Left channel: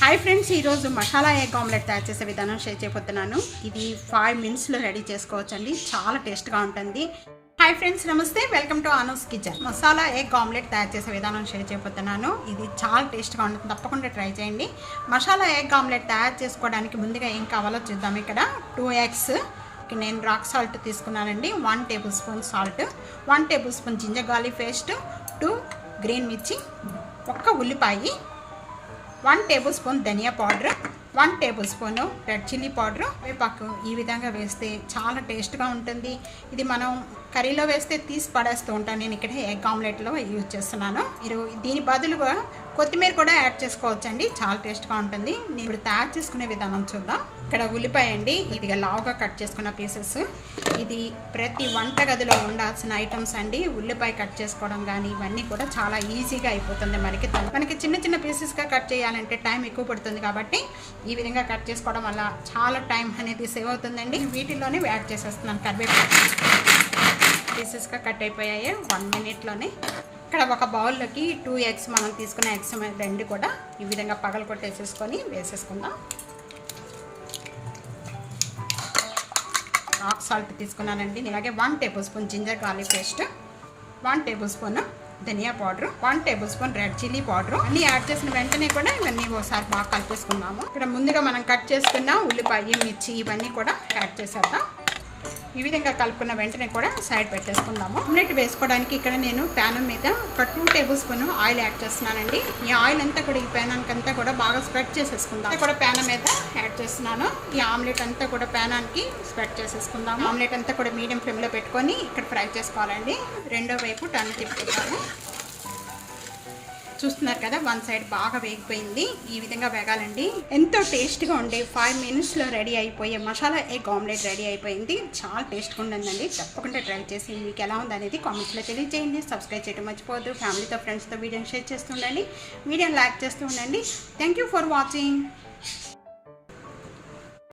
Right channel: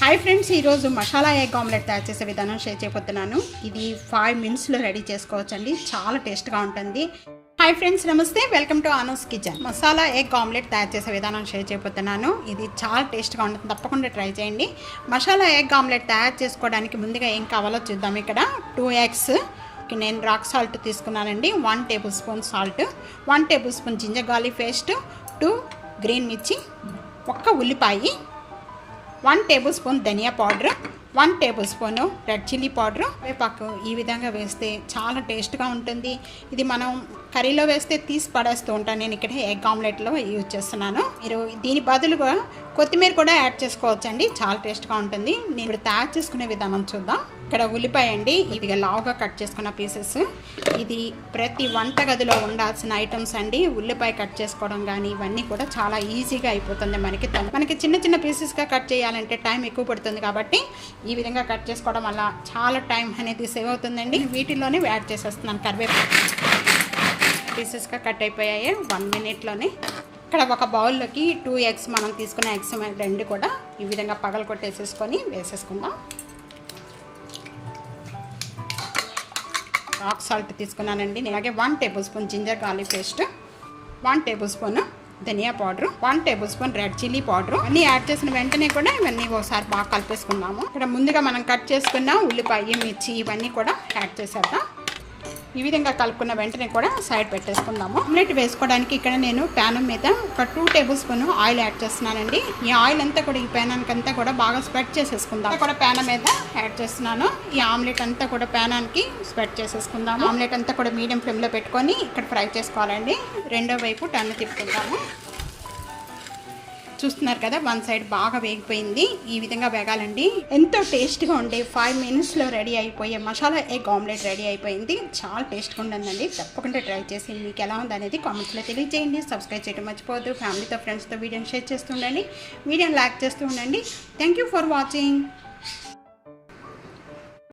Hi friends मसाला egg omelette तैयार చేసే విధానం షేర్ చేయబోతున్నాను। ఇది 5 మినిట్స్ లో రెడీ చేసుకోవచ్చండి। చాలా టేస్ట్ గా ఉంటుంది। हाई फ्रेंड्स नमस्ते welcome to Anu's kitchen. Masala egg omelette तैयार చేసే విధానం షేర్ చేయబోతున్నాను। ఇది చాలా టేస్ట్ గా ఉంటుంది, తప్పకుండా ట్రై చేయండి। మసాలా ఎగ్ ఆమ్లెట్ తయారు చేసుకోవడానికి ముందుగా ఏం కావాలో చూద్దాం। ఇక్కడ 2 ఎగ్స్ నేను రాక్ సాల్ట్ తీసుకున్నానండి, 1 tablespoon salt, 1 tablespoon ginger garlic paste, 2 green మిర్చి, 1 ఉల్లిపాయ, 1 టేబుల్ స్పూన్ ధనియా powder, 1 tablespoon red chilli powder, వేపాకు ఈ విధంగా వేస్తే చాలా టేస్ట్గా ఉంటుంది। ఇది మనం కర్రీలో వేస్తే తీసి పడేస్తూ ఉంటాను, నేను ఇక్కడ ఎగ్ ఆమ్లెట్లో యూజ్ చేస్తున్నాను। మీరు దీని బదులుగా కొత్తిమీర కూడా యాడ్ చేసుకోవచ్చండి, చాలా టేస్ట్గా ఉంటుంది। నేను ఇప్పుడు తయారు చేసుకునే విధానం చూద్దాం। ఇక్కడ ఉల్లిపాయ అండి, ఇది లావుగా కట్ చేసుకున్న పీసెస్। ఇది ప్రతి వంటగదిలో ఉండాల్సిన ఐటమ్స్ అండి। ఉల్లిపాయ కట్ చేసుకోవడం కానీ ఇవన్నీ కూడా చాలా ఈజీగా అయిపోతుంది। మనకి చిన్న చిన్న పీసెస్గా కట్ చేయాలంటే టైం ఎక్కువ పడుతుంది, కాబట్టి ఈ విధంగా కట్ చేసుకోవడం వల్ల చాలా టైం అనేది సేవ్ అవుతుందండి। వీటిల్లోనే యాడ్ చేసేస్తున్నాను కరివేపాకు, పీసెస్గా కట్ అయిపోయాయి 1 మినిట్లోనే। ఇక్కడ ఒక బౌల్లోకి 2 ఎగ్స్ మనం తీసుకున్న ఎగ్స్ రెండు కూడా ఈ విధంగా పగలు కొట్టేసేసుకొని వేసేసుకుందాం। రాక్ సాల్ట్ తీసుకున్నానండి, అలాగే 1 tablespoon ginger garlic paste, 1 tablespoon ధనియా powder, 1 tablespoon red chilli powder అన్నీ యాడ్ చేసిన వెంటనే కూడా ఇవన్నీ ఒకసారి బాగా కలిపేసుకుందాము। ఇక్కడ ముందుగా మనం కట్ చేసుకున్న ఉల్లిపాయ, మిర్చి ఇవన్నీ కూడా యాడ్ చేసేద్దాం। ఈ విధంగా కలుపుకున్న వెంటనే కూడా సైడ్ పెట్టేసుకుందాము। ఆమ్లెట్ వేసుకోవడానికి ఇక్కడ నేను ప్యాన్ మీద ఒక 2 టేబుల్ స్పూన్ ఆయిల్ యాడ్ చేస్తున్నానండి। ఈ ఆయిల్ అంతా కూడా ఈ ప్యానానికి అంతా కూడా బాగా స్ప్రెడ్ చేసేసుకుందాం। కూడా ప్యాన్ మీద యాడ్ చేస్తున్నాను, ఈ ఆమ్లెట్ అంతా కూడా ప్యానానికి స్ప్రెడ్ చేసేసుకుందాము। ఆమ్లెట్ అంతా కూడా మీడియం ఫ్లేమ్లో పెట్టుకొని ఇక్కడ ఫ్రై చేసుకోవాలండి। రెండో వైపు టర్న్ తిప్పుకుందాము। చూస్తున్నారు కదా, 1 సైడ్ బాగా వేగిపోయింది, ఈ విధంగా వేగాలండి। ఎంతో టేస్ట్గా ఉండే 5 మినిట్స్లో రెడీ అయిపోయే మసాలా ఎగ్ ఆమ్లెట్ రెడీ అయిపోయింది। చాలా టేస్ట్గా ఉందండి, తప్పకుండా ట్రై చేసి మీకు ఎలా ఉందనేది కామెంట్స్లో తెలియజేయండి। సబ్స్క్రైబ్ చేయడం మర్చిపోవద్దు, ఫ్యామిలీతో ఫ్రెండ్స్తో వీడియోని షేర్ చేస్తూ ఉండండి, వీడియోని లైక్ చేస్తూ ఉండండి। Thank you for watching.